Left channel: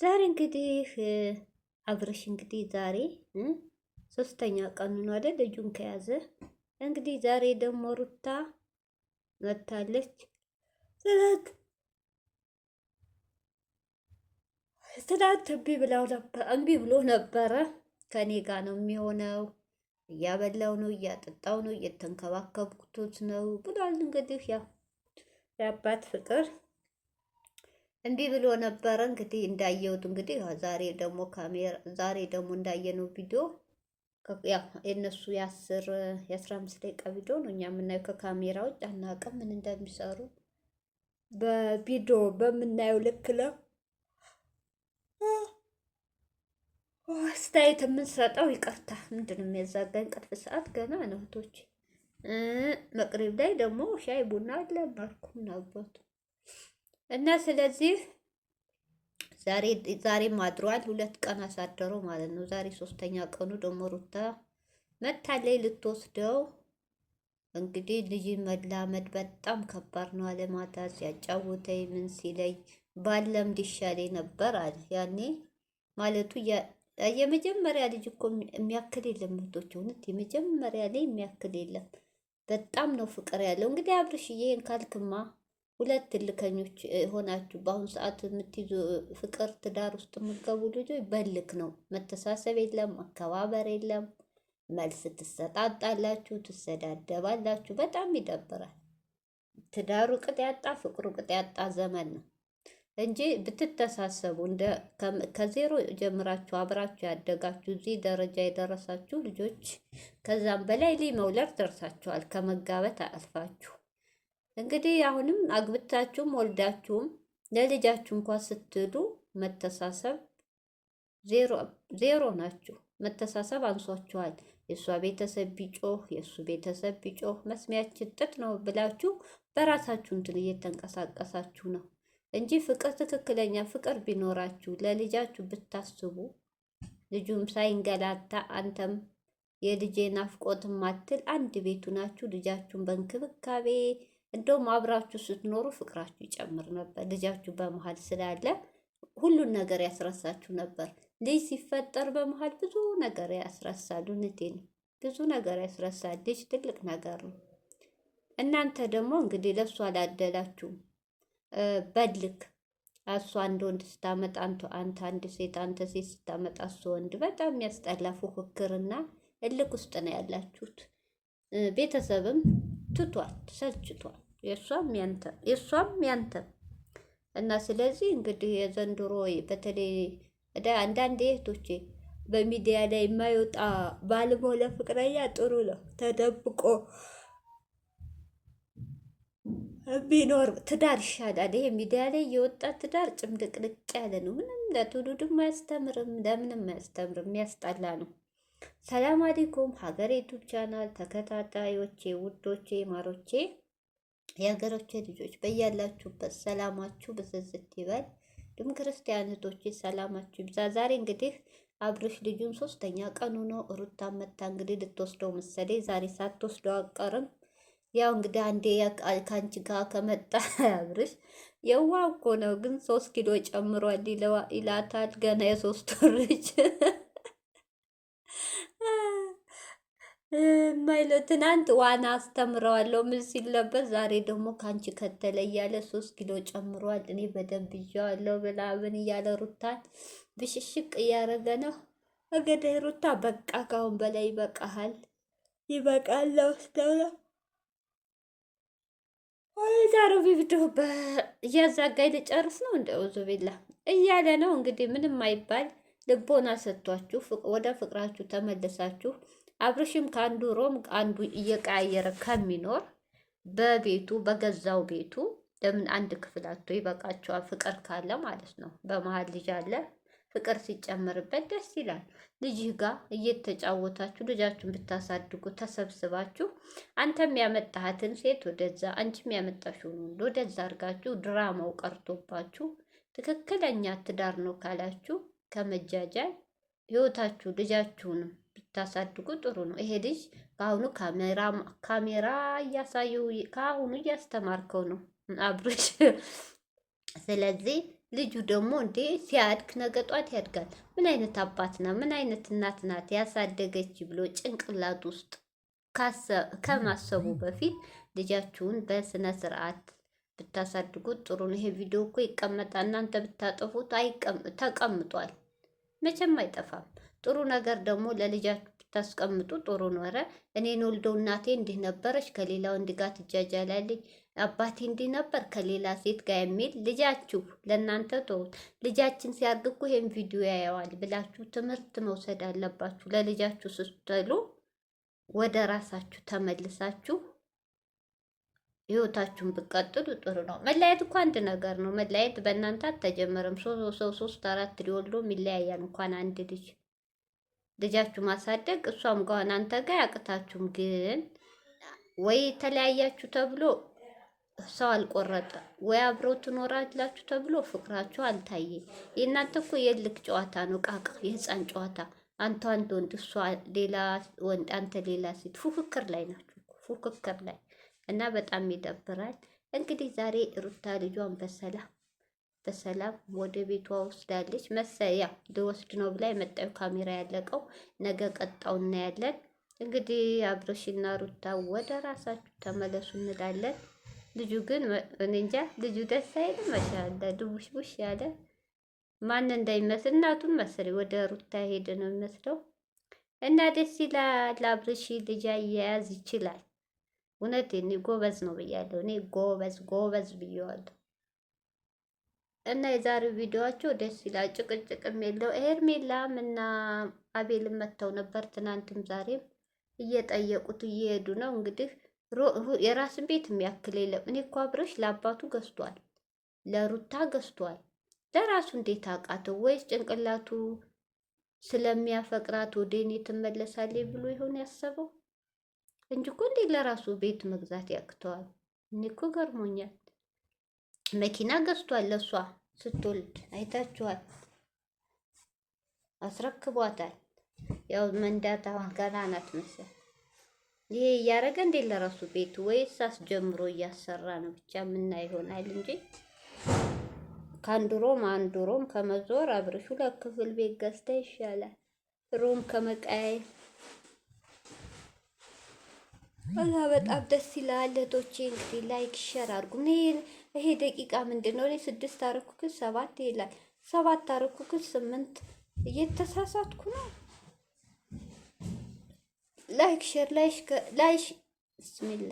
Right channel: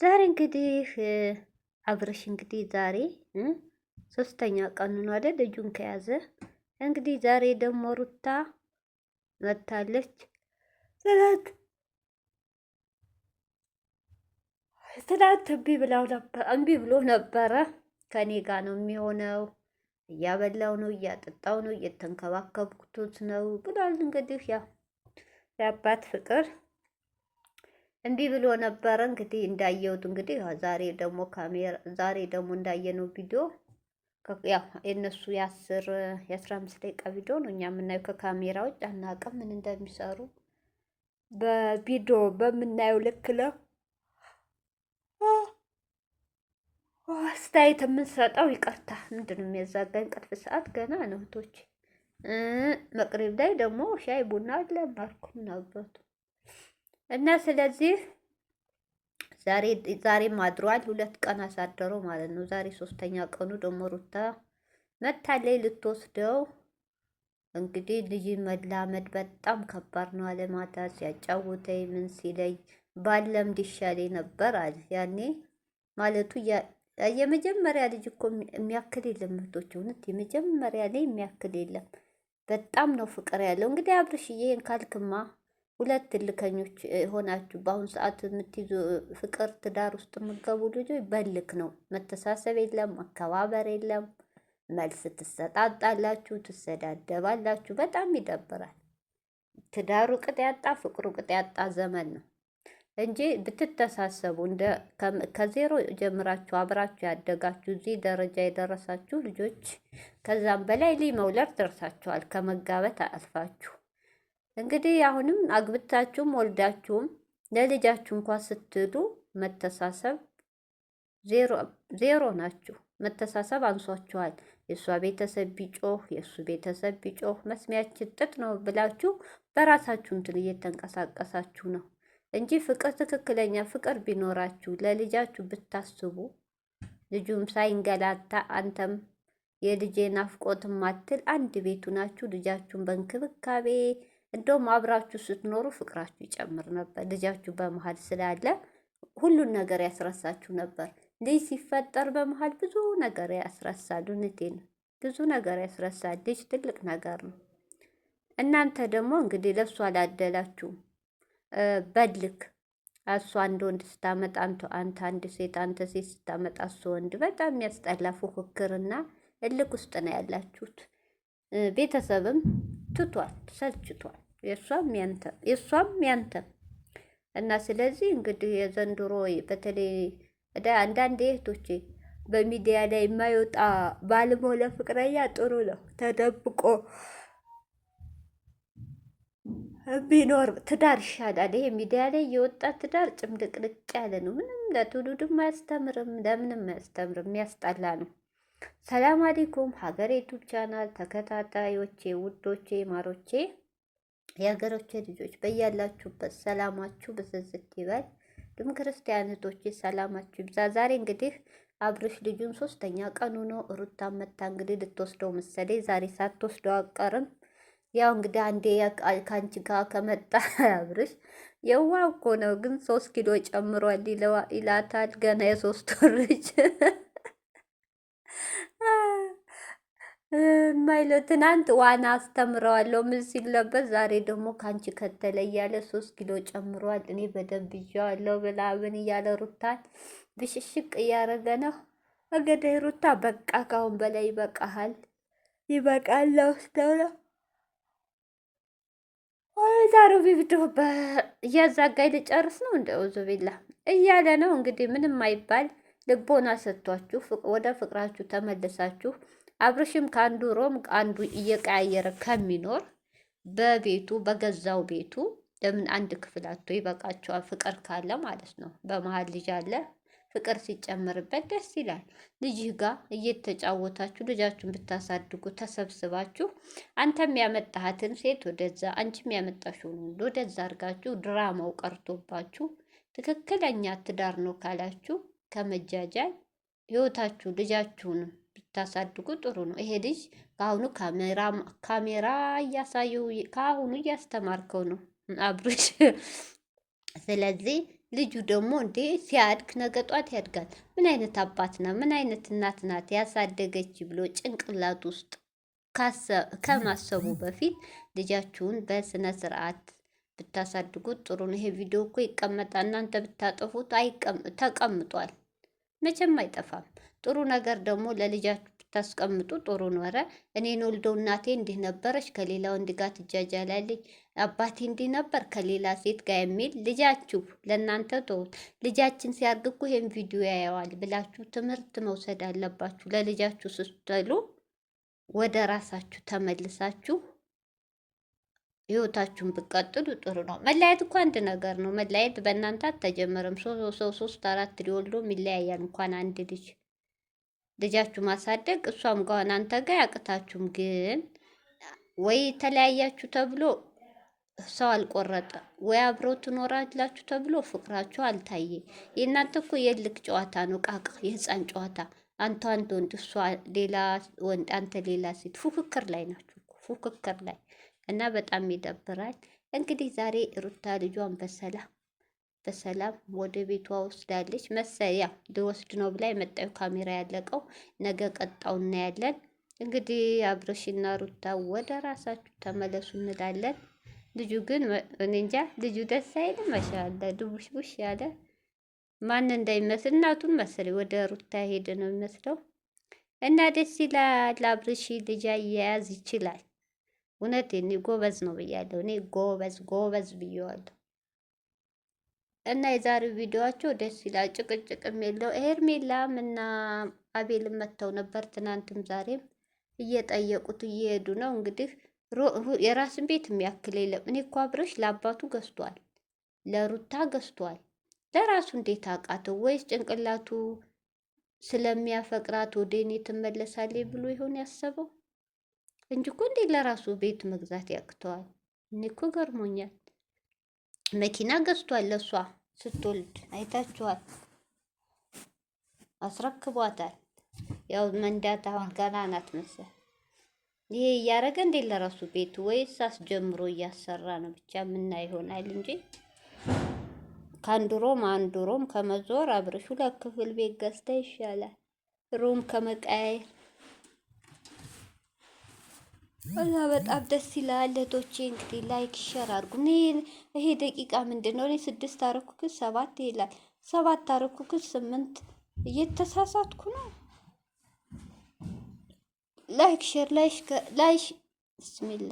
ዛሬ እንግዲህ አብርሽ እንግዲህ ዛሬ ሶስተኛ ቀኑ ነው አይደል? ልጁን ከያዘ እንግዲህ ዛሬ ደግሞ ሩታ መታለች። ትናንት እምቢ ብሎ ነበረ። ከኔ ጋር ነው የሚሆነው፣ እያበላው ነው፣ እያጠጣው ነው፣ እየተንከባከብኩት ነው ብሏል። እንግዲህ ያው የአባት ፍቅር እንዲህ ብሎ ነበረ። እንግዲህ እንዳየሁት እንግዲህ ዛሬ ደግሞ እንዳየነው ቪዲዮ ያው የእነሱ የ15 ደቂቃ ቪዲዮ ነው። እኛ የምናየው ከካሜራ ውጭ አናውቅም ምን እንደሚሰሩ። በቪዲዮ በምናየው ልክ ነው አስተያየት የምንሰጠው። ይቅርታ ምንድን ነው የሚያዛጋኝ? ቅርብ ሰዓት ገና ነው እህቶቼ። መቅረብ ላይ ደግሞ ሻይ ቡና አለ ማርኩ ምናበቱ እና ስለዚህ ዛሬም አድሯል። 2 ቀን አሳደረው ማለት ነው። ዛሬ 3ኛ ቀኑ ደግሞ ሩታ መታለይ ልትወስደው። እንግዲህ ልጅ መላመድ በጣም ከባድ ነው። አለማታ ሲያጫውተኝ ምን ሲለኝ ባለምድ ይሻለኝ ነበር አለ ያኔ ማለቱ። የመጀመሪያ ልጅ እኮ የሚያክል የለም እህቶች፣ እውነት የመጀመሪያ ላይ የሚያክል የለም። በጣም ነው ፍቅር ያለው። እንግዲህ አብርሽዬን ካልክማ 2 እልከኞች ሆናችሁ በአሁኑ ሰዓት የምትይዙ ፍቅር ትዳር ውስጥ የምትገቡ ልጆች በልክ ነው። መተሳሰብ የለም፣ መከባበር የለም። መልስ ትሰጣጣላችሁ፣ ትሰዳደባላችሁ። በጣም ይደብራል። ትዳሩ ቅጥ ያጣ ፍቅሩ ቅጥ ያጣ ዘመን ነው እንጂ ብትተሳሰቡ ከዜሮ ጀምራችሁ አብራችሁ ያደጋችሁ እዚህ ደረጃ የደረሳችሁ ልጆች ከዛም በላይ መውለድ ደርሳችኋል። ከመጋበት አልፋችሁ እንግዲህ አሁንም አግብታችሁም ወልዳችሁም ለልጃችሁ እንኳን ስትሉ መተሳሰብ ዜሮ ናችሁ። መተሳሰብ አንሷችኋል። የእሷ ቤተሰብ ቢጮህ የእሱ ቤተሰብ ቢጮህ መስሚያችን ጥጥ ነው ብላችሁ በራሳችሁ እንትን እየተንቀሳቀሳችሁ ነው እንጂ ፍቅር ትክክለኛ ፍቅር ቢኖራችሁ ለልጃችሁ ብታስቡ ልጁም ሳይንገላታ አንተም የልጄ ናፍቆት ማትል አንድ ቤቱ ናችሁ። ልጃችሁን በእንክብካቤ እንደውም አብራችሁ ስትኖሩ ፍቅራችሁ ይጨምር ነበር። ልጃችሁ በመሀል ስላለ ሁሉን ነገር ያስረሳችሁ ነበር። ልጅ ሲፈጠር በመሀል ብዙ ነገር ያስረሳል። እውነቴን ነው፣ ብዙ ነገር ያስረሳል። ልጅ ትልቅ ነገር ነው። እናንተ ደግሞ እንግዲህ ለእሱ አላደላችሁም። በልክ እሷ አንድ ወንድ ስታመጣ አንተ አንድ ሴት፣ አንተ ሴት ስታመጣ እሱ ወንድ። በጣም የሚያስጠላ ፉክክርና እልክ ውስጥ ነው ያላችሁት። ቤተሰብም ትቷል፣ ሰልችቷል። የእሷም ያንተም እና ስለዚህ እንግዲህ የዘንድሮ በተለይ አንዳንድ እህቶቼ በሚዲያ ላይ የማይወጣ ባልሞ ለፍቅረኛ ጥሩ ነው። ተደብቆ ቢኖር ትዳር ይሻላል። ይሄ ሚዲያ ላይ የወጣ ትዳር ጭምልቅልቅ ያለ ነው። ምንም ለትውልድም አያስተምርም፣ ለምንም አያስተምርም። የሚያስጠላ ነው። ሰላም አለይኩም ሀገር ዩቱብ ቻናል ተከታታዮቼ፣ ውዶቼ፣ ማሮቼ፣ የሀገሮቼ ልጆች በያላችሁበት ሰላማችሁ ብዝዝት ይበል። ድም ክርስቲያኖቶቼ ሰላማችሁ ይብዛ። ዛሬ እንግዲህ አብርሽ ልጁን 3ኛ ቀኑ ነው። ሩታ መታ እንግዲህ ልትወስደው መሰለኝ። ዛሬ ሳትወስደው አቀርም። ያው እንግዲህ አንዴ ከአንቺ ጋር ከመጣ አብርሽ የዋ እኮ ነው፣ ግን 3 ኪሎ ጨምሯል ይላታል። ገና የ3 ወር ልጅ ማይለው ትናንት ዋና አስተምረዋለሁ ምን ሲል ነበር። ዛሬ ደግሞ ከአንቺ ከተለያለ 3 ኪሎ ጨምሯል። እኔ በደንብ ይዤዋለሁ ብላብን እያለ ሩታን ብሽሽቅ እያረገ ነው። እንግዲህ ሩታ በቃ ካሁን በላይ ይበቃሃል፣ ይበቃል ወስደው ነው ዛሬው ቪዲዮ እያዛጋኝ ልጨርስ ነው እንደ ውዙ ቢላ እያለ ነው። እንግዲህ ምንም አይባል፣ ልቦና ሰጥቷችሁ ወደ ፍቅራችሁ ተመልሳችሁ አብርሽም ከአንዱ ሮም አንዱ እየቀያየረ ከሚኖር በቤቱ በገዛው ቤቱ ለምን አንድ ክፍል አቶ ይበቃቸዋል። ፍቅር ካለ ማለት ነው። በመሀል ልጅ አለ፣ ፍቅር ሲጨምርበት ደስ ይላል። ልጅህ ጋር እየተጫወታችሁ ልጃችሁን ብታሳድጉ ተሰብስባችሁ አንተም ያመጣሃትን ሴት ወደዛ፣ አንቺም ያመጣሽውን ወንድ ወደዛ አድርጋችሁ ድራማው ቀርቶባችሁ ትክክለኛ ትዳር ነው ካላችሁ ከመጃጃል ህይወታችሁ ልጃችሁን ብታሳድጉ ጥሩ ነው። ይሄ ልጅ ከአሁኑ ካሜራ እያሳዩ ከአሁኑ እያስተማርከው ነው አብርሽ። ስለዚህ ልጁ ደግሞ እንዴ ሲያድግ ነገ ጧት ያድጋል። ምን አይነት አባት ነው ምን አይነት እናት ናት ያሳደገች ብሎ ጭንቅላት ውስጥ ከማሰቡ በፊት ልጃችሁን በስነ ስርዓት ብታሳድጉት ጥሩ ነው። ይሄ ቪዲዮ እኮ ይቀመጣል። እናንተ ብታጠፉት ተቀምጧል፣ መቼም አይጠፋም። ጥሩ ነገር ደግሞ ለልጃችሁ ብታስቀምጡ ጥሩ ነው። ኧረ እኔን ወልደው እናቴ እንዲህ ነበረች ከሌላ ወንድ ጋር ትጃጃላለች፣ አባቴ እንዲህ ነበር ከሌላ ሴት ጋር የሚል ልጃችሁ ለእናንተ ተውት። ልጃችን ሲያድግ እኮ ይሄን ቪዲዮ ያየዋል ብላችሁ ትምህርት መውሰድ አለባችሁ። ለልጃችሁ ስትሉ ወደ ራሳችሁ ተመልሳችሁ ህይወታችሁን ብትቀጥሉ ጥሩ ነው። መለያየት እኮ አንድ ነገር ነው። መለያየት በእናንተ አልተጀመረም። ሶስት አራት ሊወልዶ ይለያያል። እንኳን አንድ ልጃችሁ ማሳደግ እሷም ጋር እናንተ ጋር ያቅታችሁም፣ ግን ወይ ተለያያችሁ ተብሎ ሰው አልቆረጠ፣ ወይ አብሮ ትኖራላችሁ ተብሎ ፍቅራችሁ አልታየ። የእናንተ እኮ የልክ ጨዋታ ነው፣ ቃቅ የህፃን ጨዋታ። አንተ አንድ ወንድ እሷ ሌላ ወንድ አንተ ሌላ ሴት፣ ፉክክር ላይ ናችሁ፣ ፉክክር ላይ እና በጣም ይደብራል። እንግዲህ ዛሬ ሩታ ልጇን በሰላም ወደ ቤቷ ወስዳለች። መሰያ ልወስድ ነው ብላ የመጣው ካሜራ ያለቀው፣ ነገ ቀጣው እናያለን። እንግዲህ አብርሽና ሩታ ወደ ራሳችሁ ተመለሱ እንላለን። ልጁ ግን እኔ እንጃ፣ ልጁ ደስ አይልም። ማሻአላ ድቡሽቡሽ ያለ ማን እንዳይመስል እናቱን መሰለኝ ወደ ሩታ ሄደ ነው የሚመስለው። እና ደስ ይላል። አብርሽ ልጅ አያያዝ ይችላል። እውነቴን እኔ ጎበዝ ነው ብያለሁ። እኔ ጎበዝ ብየዋለሁ። እና የዛሬው ቪዲዮአቸው ደስ ይላል። ጭቅጭቅም የለው። ሄርሜላም እና አቤልም መጥተው ነበር ትናንትም ዛሬም እየጠየቁት እየሄዱ ነው። እንግዲህ የራስን ቤት የሚያክል የለም። እኔ እኮ አብርሽ ለአባቱ ገዝቷል፣ ለሩታ ገዝቷል። ለራሱ እንዴት አቃተው? ወይስ ጭንቅላቱ ስለሚያፈቅራት ወደ እኔ ትመለሳለች ብሎ ይሆን ያሰበው እንጂ እኮ እንዴት ለራሱ ቤት መግዛት ያቅተዋል? እኔ እኮ ገርሞኛል። መኪና ገዝቷል ለሷ ስትወልድ አይታችኋል። አስረክቧታል። ያው መንዳት አሁን ገና ናት መሰል። ይሄ እያደረገ እንዴት ለራሱ ቤት ወይስ አስጀምሮ እያሰራ ነው? ብቻ ምና ይሆናል እንጂ ከአንድ ሮም ከመዞር አብርሹ ለክፍል ቤት ገዝታ ይሻላል ሮም ከመቀያየር። እና በጣም ደስ ይላል። እህቶቼ እንግዲህ ላይክ ሸር አድርጉ። ይሄ ደቂቃ ምንድን ነው? እኔ 6 አረኩክስ 7 ይላል። 7 አረኩክስ 8 እየተሳሳትኩ ነው። ላይክ ሸር ላይሽ ብስሚላ